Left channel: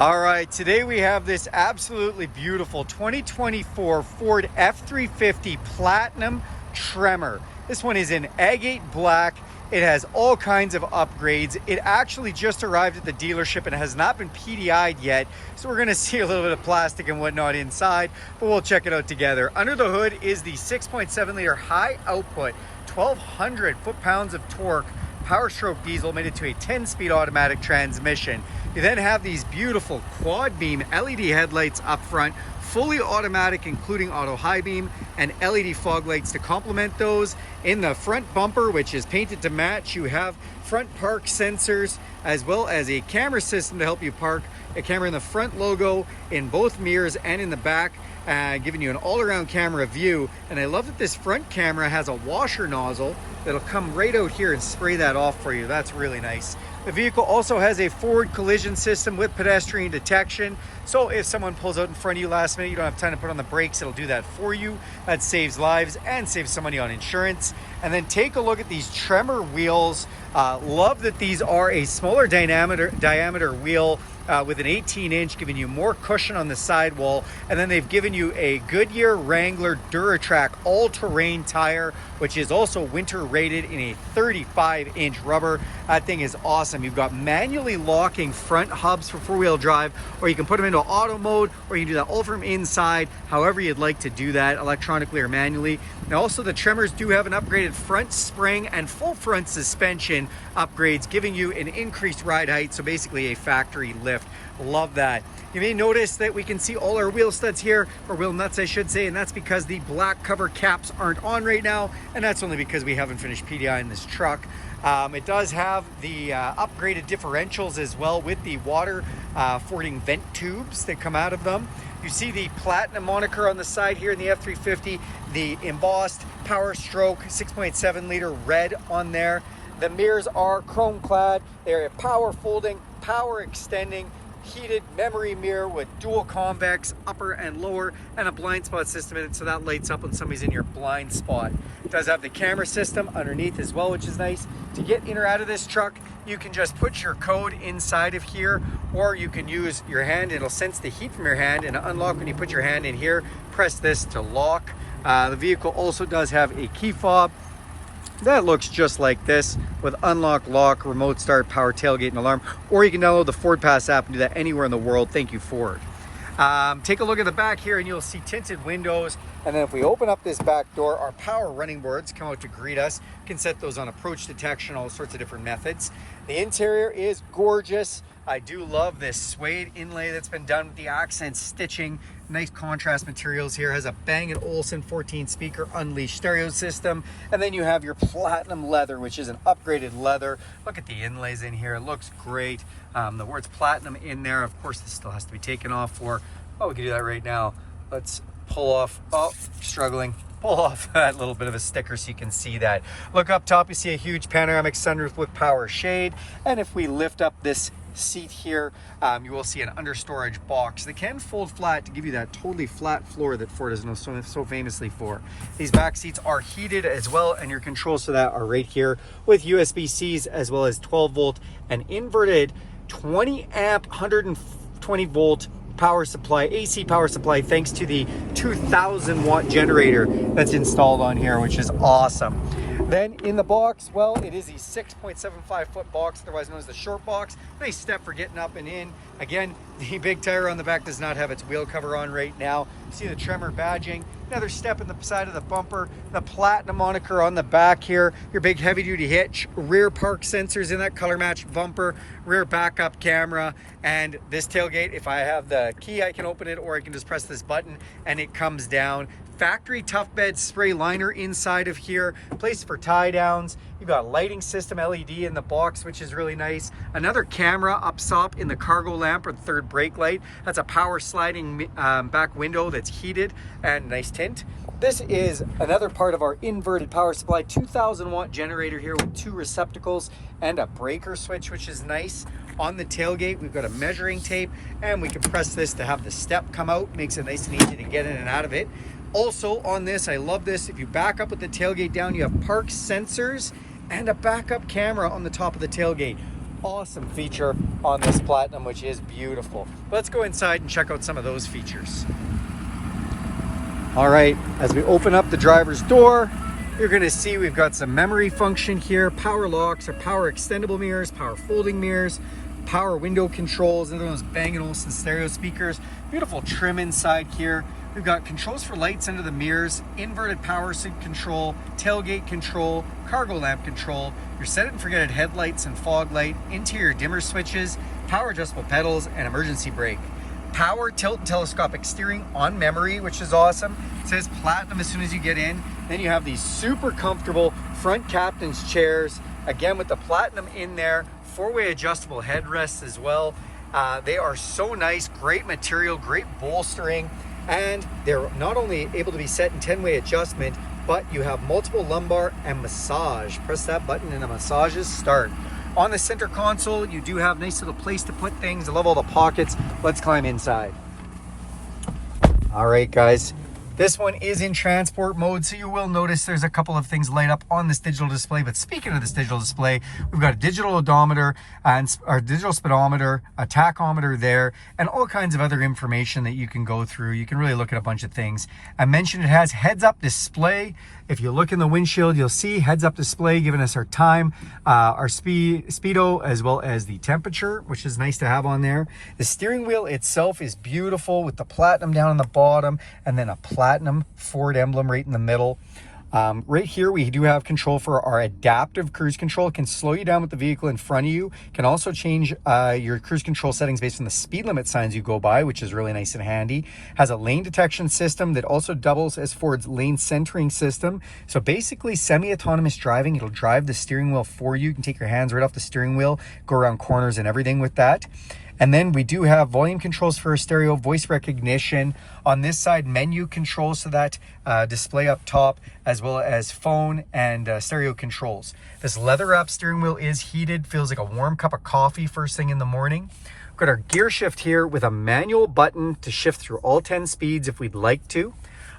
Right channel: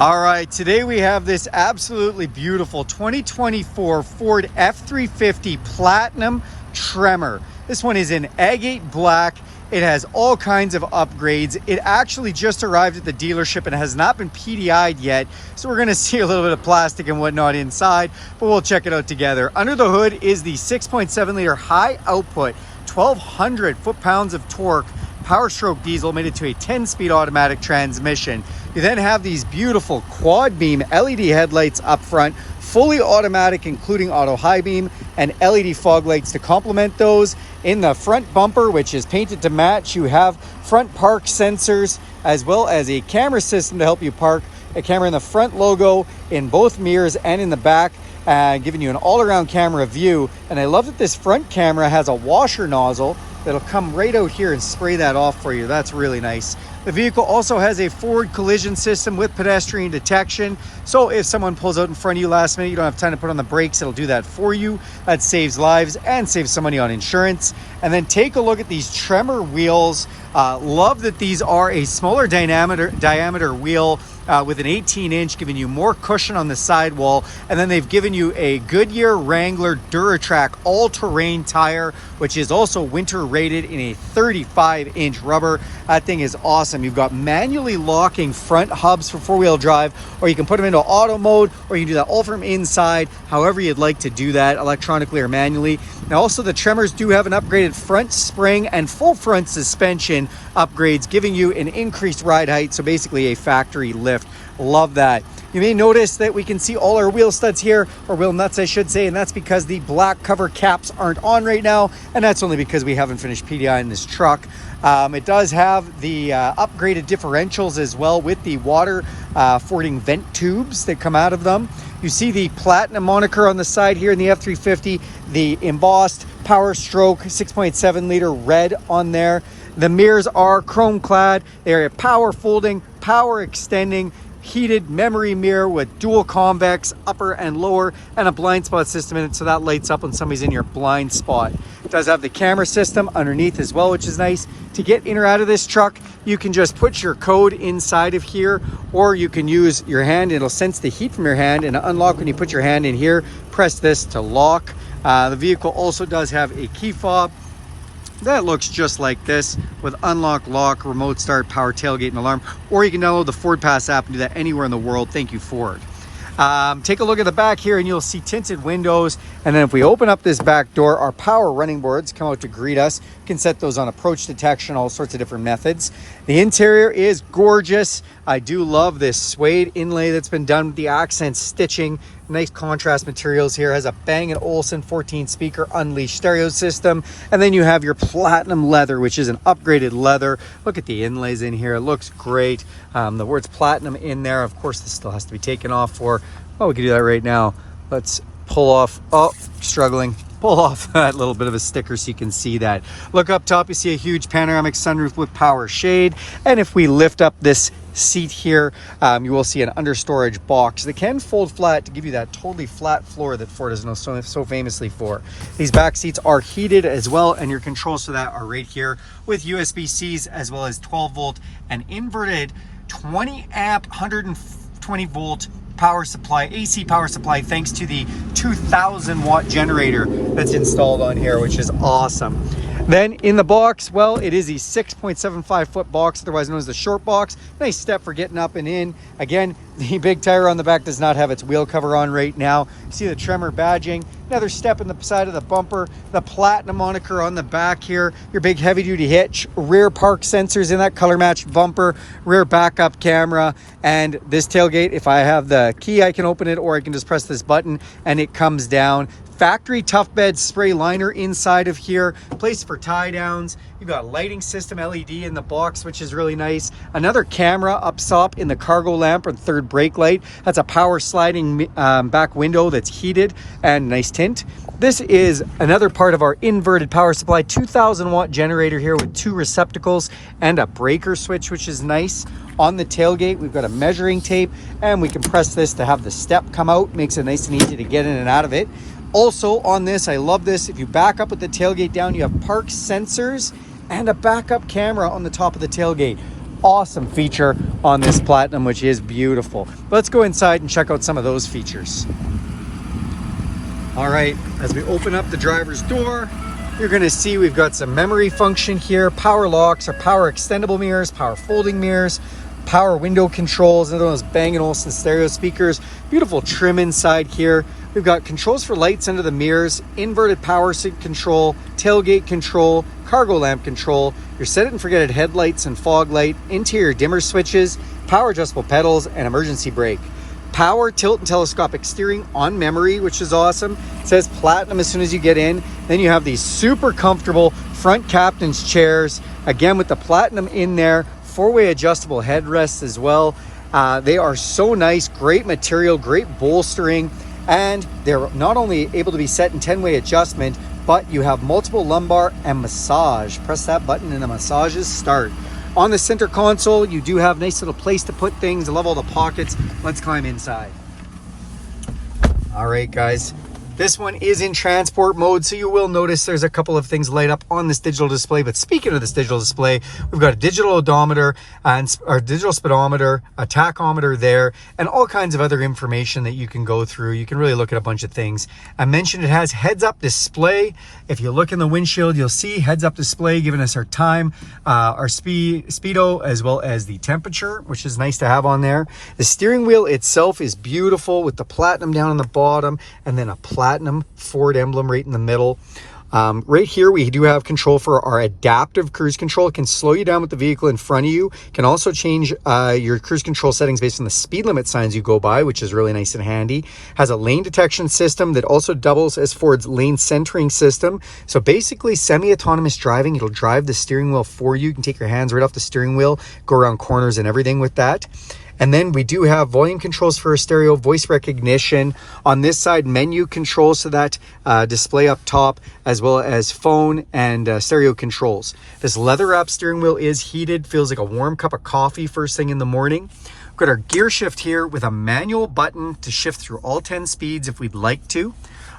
All right, today we have this absolutely beautiful 2024 Ford F-350 Platinum Tremor. This one is in Agate Black. It has all kinds of upgrades. It actually just arrived at the dealership and has not been PDI'd yet. So we're gonna see a little bit of plastic and whatnot inside, but we'll check it out together. Under the hood is the 6.7 liter high output, 1,200 foot-pounds of torque, PowerStroke diesel mated to a 10-speed automatic transmission. You then have these beautiful quad beam LED headlights up front, fully automatic, including auto high beam, and LED fog lights to complement those. In the front bumper, which is painted to match, you have front park sensors, as well as a camera system to help you park, a camera in the front logo, in both mirrors and in the back, giving you an all-around camera view. And I love that this front camera has a washer nozzle that'll come right out here and spray that off for you. That's really nice. The vehicle also has a forward collision system with pedestrian detection. So if someone pulls out in front of you last minute, you don't have time to put on the brakes, it'll do that for you. That saves lives and saves some money on insurance. And then take a look at these Tremor wheels. Love that these are a smaller diameter wheel with an 18-inch, giving you more cushion on the sidewall. And then they've given you a Goodyear Wrangler Duratrack all-terrain tire, which is also winter rated in a 35-inch rubber. That thing is awesome. You've got manually locking front hubs for four-wheel drive, or you can put them into auto mode, or you can do that all from inside, however you'd like to do that, electronically or manually. Now also the Tremors do have an upgraded front spring and full front suspension upgrades, giving you an increased ride height, so basically a factory lift. Love that. You may notice that we can see all our wheel studs here, or wheel nuts I should say, and that's because the black cover caps aren't on right now, and that's only because we haven't finished PDI in this truck. It does have the upgraded differentials as well, with the water fording vent tubes that come out of them. You see the Platinum moniker on the side here in the F-350, the embossed PowerStroke 6.7 liter red on there. The mirrors are chrome clad. They're power folding, power extending, heated memory mirror with dual convex upper and lower, and a blind spot system in it, so that lights up when somebody's in your blind spot. It does have the camera system underneath as well, which is nice. To get in or out of this truck, you can just put your code inside of here, or you can use your hand. It'll sense the heat from your hand and unlock when you put your hand in here. Press this to lock. The vehicle also does have a key fob that looks just like this, with unlock, lock, remote start, power tailgate, and alarm. Or you can download the Ford Pass app and do that anywhere in the world. Thank you, Ford. Take a look at the back here and you'll see tinted windows. And then if we open up this back door, our power running boards come out to greet us. You can set those on approach detection, all sorts of different methods. The interior is gorgeous. I do love this suede inlay that's been done with the accent stitching. Nice contrast materials here. Has a Bang & Olufsen 14 speaker Unleashed stereo system. And then you have your platinum leather, which is an upgraded leather. Look at the inlays in here. It looks great. The words platinum in there. Of course, this still has to be taken off for, well, we can do that right now. Let's pull off, oh, struggling. Pull off that little bit of a sticker so you can see that. Look up top, you see a huge panoramic sunroof with power shade. And if we lift up this seat here, you will see an understorage box that can fold flat to give you that totally flat floor that Ford is known so famously for. These back seats are heated as well, and your controls for that are right here with USB-Cs, as well as 12 volt and inverted 20 amp 120 volt power supply, AC power supply, thanks to the 2,000 watt generator that's installed on here, which is awesome. Then in the box, well, it is a 6.75 foot box, otherwise known as the short box. Nice step for getting up and in. Again, the big tire on the back does not have its wheel cover on right now. You see the Tremor badging. Another step in the side of the bumper. The Platinum moniker on the back here. Your big heavy duty hitch. Rear park sensors in that color matched bumper. Rear backup camera. And this tailgate, if I have the key, I can open it, or I can just press this button and it comes down. Factory tough bed spray liner inside of here, place for tie downs. You've got lighting system LED in the box, which is really nice. Another camera up top in the cargo lamp and third brake light. That's a power sliding back window that's heated and nice tint. This is another part of our inverted power supply, 2,000 watt generator here with two receptacles and a breaker switch, which is nice. On the tailgate, we've got a measuring tape, and we can press this to have the step come out. Makes it nice and easy to get in and out of it. Also on this, I love this, if you back up with the tailgate down, you have park sensors and a backup camera on the top of the tailgate. awesome feature on this Platinum, which is beautiful. Let's go inside and check out some of those features. All right, as we open up the driver's door, you're gonna see we've got some memory function here, power locks, or power extendable mirrors, power folding mirrors, power window controls, and those Bang & Olufsen stereo speakers. Beautiful trim inside here. We've got controls for lights under the mirrors, inverted power seat control, tailgate control, cargo lamp control, your set it and forget it headlights and fog light, interior dimmer switches, power adjustable pedals, and emergency brake. Power tilt and telescopic steering on memory, which is awesome. It says Platinum as soon as you get in. Then you have these super comfortable front captain's chairs, again with the Platinum in there, four-way adjustable headrests as well. They are so nice, great material, great bolstering, and they're not only able to be set in 10-way adjustment, but you have multiple lumbar and massage. Press that button and the massages start. On the center console, you do have a nice little place to put things. I love all the pockets. Let's climb inside. All right, guys. This one is in transport mode, so you will notice there's a couple of things light up on this digital display. But speaking of this digital display, we've got a digital odometer and our digital speedometer, a tachometer there, and all kinds of other information that you can go through. You can really look at a bunch of things. I mentioned it has heads-up display. If you look in the windshield, you'll see heads-up display giving us our time, our speedo, as well as the temperature, which is nice to have on there. The steering wheel itself is beautiful with the Platinum down on the bottom and then a Platinum Ford emblem right in the middle. Right here, we do have control for our adaptive cruise control. It can slow you down with the vehicle in front of you. Can also change your cruise control settings based on the speed limit signs you go by, which is really nice and handy. Has a lane detection system that also doubles as Ford's lane centering system. So basically semi-autonomous driving. It'll drive the steering wheel for you. You can take your hands right off the steering wheel, go around corners and everything with that. And then we do have volume controls for stereo, voice recognition. On this side, menu controls to that display up top, as well as phone and stereo controls. This leather-wrapped steering wheel is heated, feels like a warm cup of coffee first thing in the morning. We've got our gear shift here with a manual button to shift through all 10 speeds if we'd like to.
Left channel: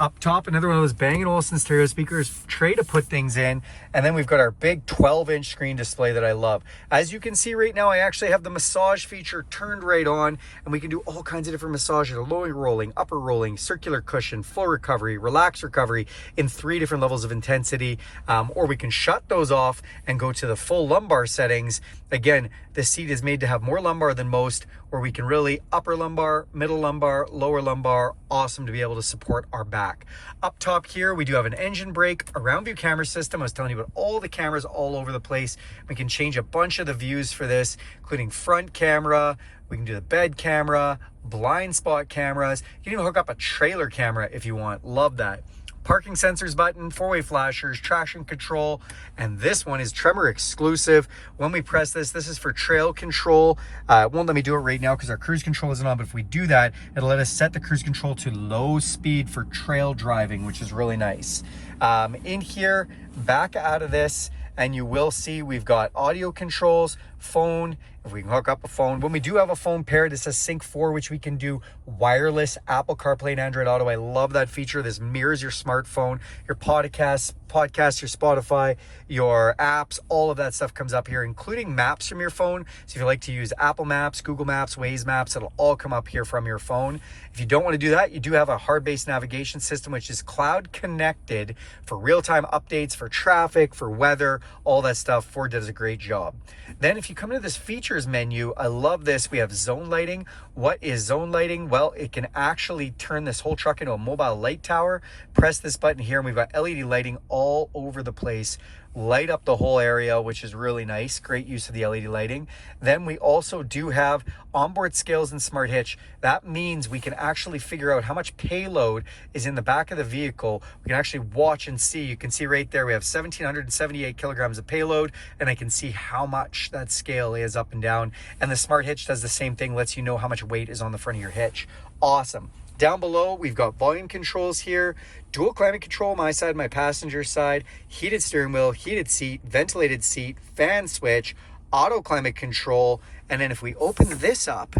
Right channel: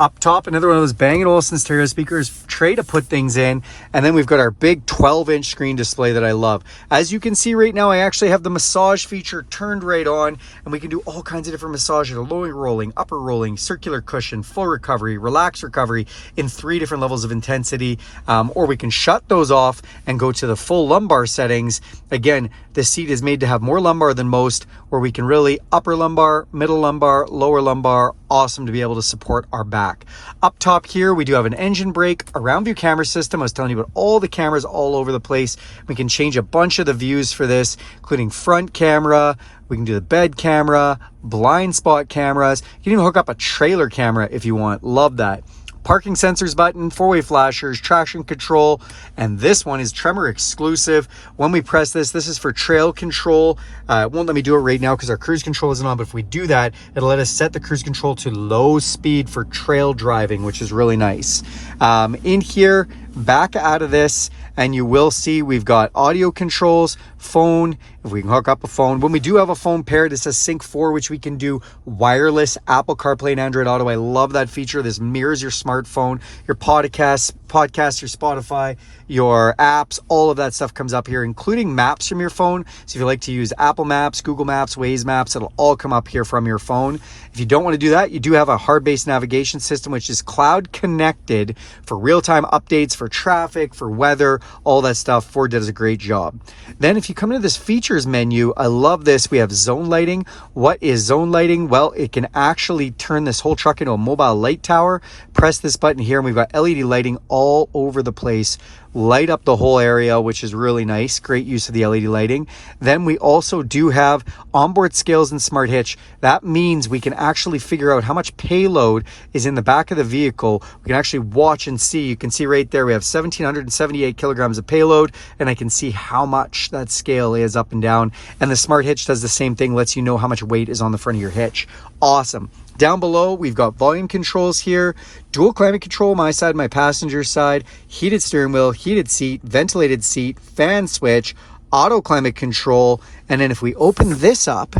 Up top, another one of those Bang & Olufsen stereo speakers, tray to put things in. And then we've got our big 12-inch screen display that I love. As you can see right now, I actually have the massage feature turned right on, and we can do all kinds of different massages: lower rolling, upper rolling, circular cushion, full recovery, relaxed recovery in 3 different levels of intensity. Or we can shut those off and go to the full lumbar settings. Again, this seat is made to have more lumbar than most, where we can really upper lumbar, middle lumbar, lower lumbar. Awesome to be able to support our back. Up top here, we do have an engine brake, a round view camera system. I was telling you about all the cameras all over the place. We can change a bunch of the views for this, including front camera. We can do the bed camera, blind spot cameras. You can even hook up a trailer camera if you want. Love that. Parking sensors button, 4-way flashers, traction control, and this one is Tremor exclusive. When we press this, this is for trail control. It won't let me do it right now because our cruise control isn't on, but if we do that, it'll let us set the cruise control to low speed for trail driving, which is really nice. In here, back out of this, and you will see we've got audio controls, phone, if we can hook up a phone. When we do have a phone paired, it says Sync 4, which we can do wireless Apple CarPlay and Android Auto. I love that feature. This mirrors your smartphone, your podcast, your Spotify, your apps, all of that stuff comes up here, including maps from your phone. So if you like to use Apple Maps, Google Maps, Waze Maps, it'll all come up here from your phone. If you don't want to do that, you do have a hard-based navigation system, which is cloud connected for real-time updates, for traffic, for weather, all that stuff. Ford does a great job. Then if you come into this features menu, I love this. We have zone lighting. What is zone lighting? Well, it can actually turn this whole truck into a mobile light tower. Press this button here and we've got LED lighting all over the place. Light up the whole area, which is really nice. Great use of the LED lighting. Then we also do have onboard scales and smart hitch. That means we can actually figure out how much payload is in the back of the vehicle. We can actually watch and see. You can see right there we have 1,778 kilograms of payload, and I can see how much that scale is up and down. And the smart hitch does the same thing, lets you know how much weight is on the front of your hitch. Awesome. Down below, we've got volume controls here, dual climate control, my side, my passenger side, heated steering wheel, heated seat, ventilated seat, fan switch, auto climate control. And then if we open this up,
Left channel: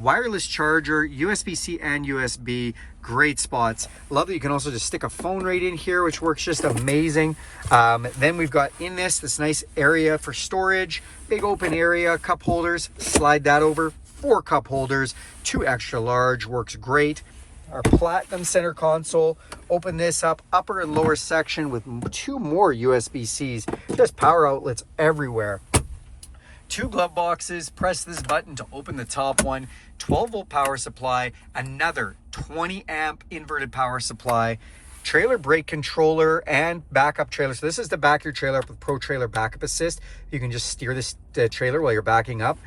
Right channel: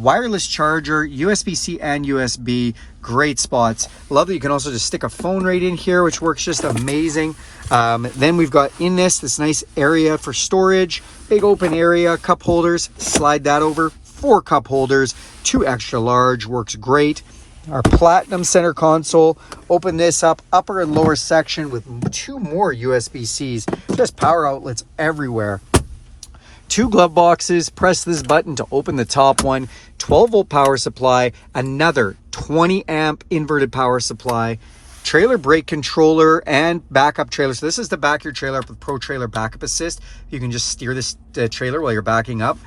wireless charger, USB-C and USB, great spots. Love that you can also just stick a phone right in here, which works just amazing. Then we've got in this nice area for storage, big open area, cup holders, slide that over, 4 cup holders, 2 extra large, works great. Our Platinum center console, open this up, upper and lower section with 2 more USB-Cs, just power outlets everywhere. 2 glove boxes, press this button to open the top one, 12 volt power supply, another 20 amp inverted power supply, trailer brake controller and backup trailer. So this is to back your trailer up with Pro Trailer Backup Assist. You can just steer this trailer while you're backing up.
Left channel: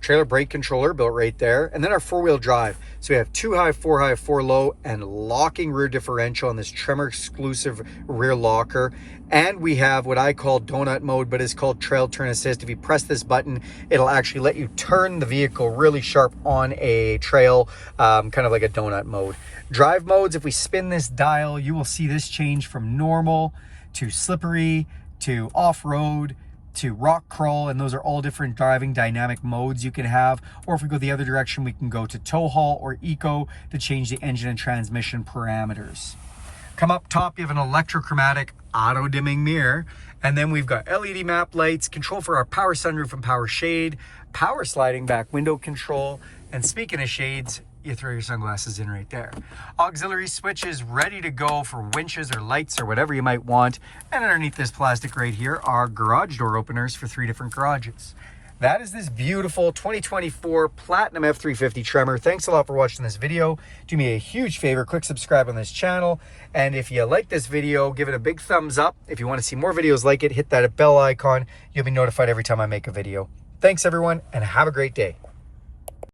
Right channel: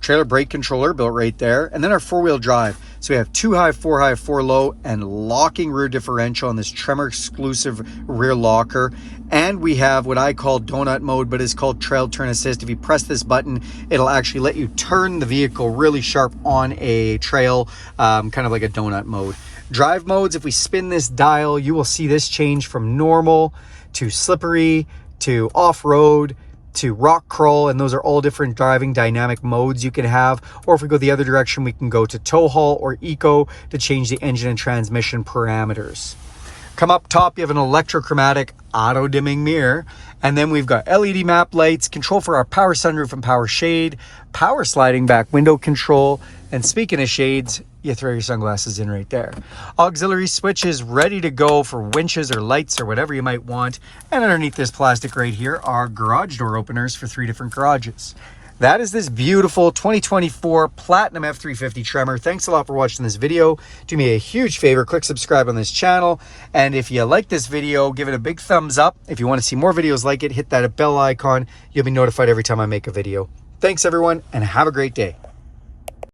Trailer brake controller built right there. And then our 4-wheel drive. So we have 2 high, 4 high, 4 low, and locking rear differential on this Tremor exclusive rear locker. And we have what I call donut mode, but it's called trail turn assist. If you press this button, it'll actually let you turn the vehicle really sharp on a trail, kind of like a donut mode. Drive modes, if we spin this dial, you will see this change from normal to slippery to off-road to rock crawl, and those are all different driving dynamic modes you can have. Or if we go the other direction, we can go to tow haul or eco to change the engine and transmission parameters. Come up top, you have an electrochromatic auto dimming mirror, and then we've got LED map lights, control for our power sunroof and power shade, power sliding back window control, and speaking of shades, you throw your sunglasses in right there. Auxiliary switches ready to go for winches or lights or whatever you might want. And underneath this plastic right here are garage door openers for 3 different garages. That is this beautiful 2024 Platinum F-350 Tremor. Thanks a lot for watching this video. Do me a huge favor, click subscribe on this channel. And if you like this video, give it a big thumbs up. If you want to see more videos like it, hit that bell icon. You'll be notified every time I make a video. Thanks everyone, and have a great day.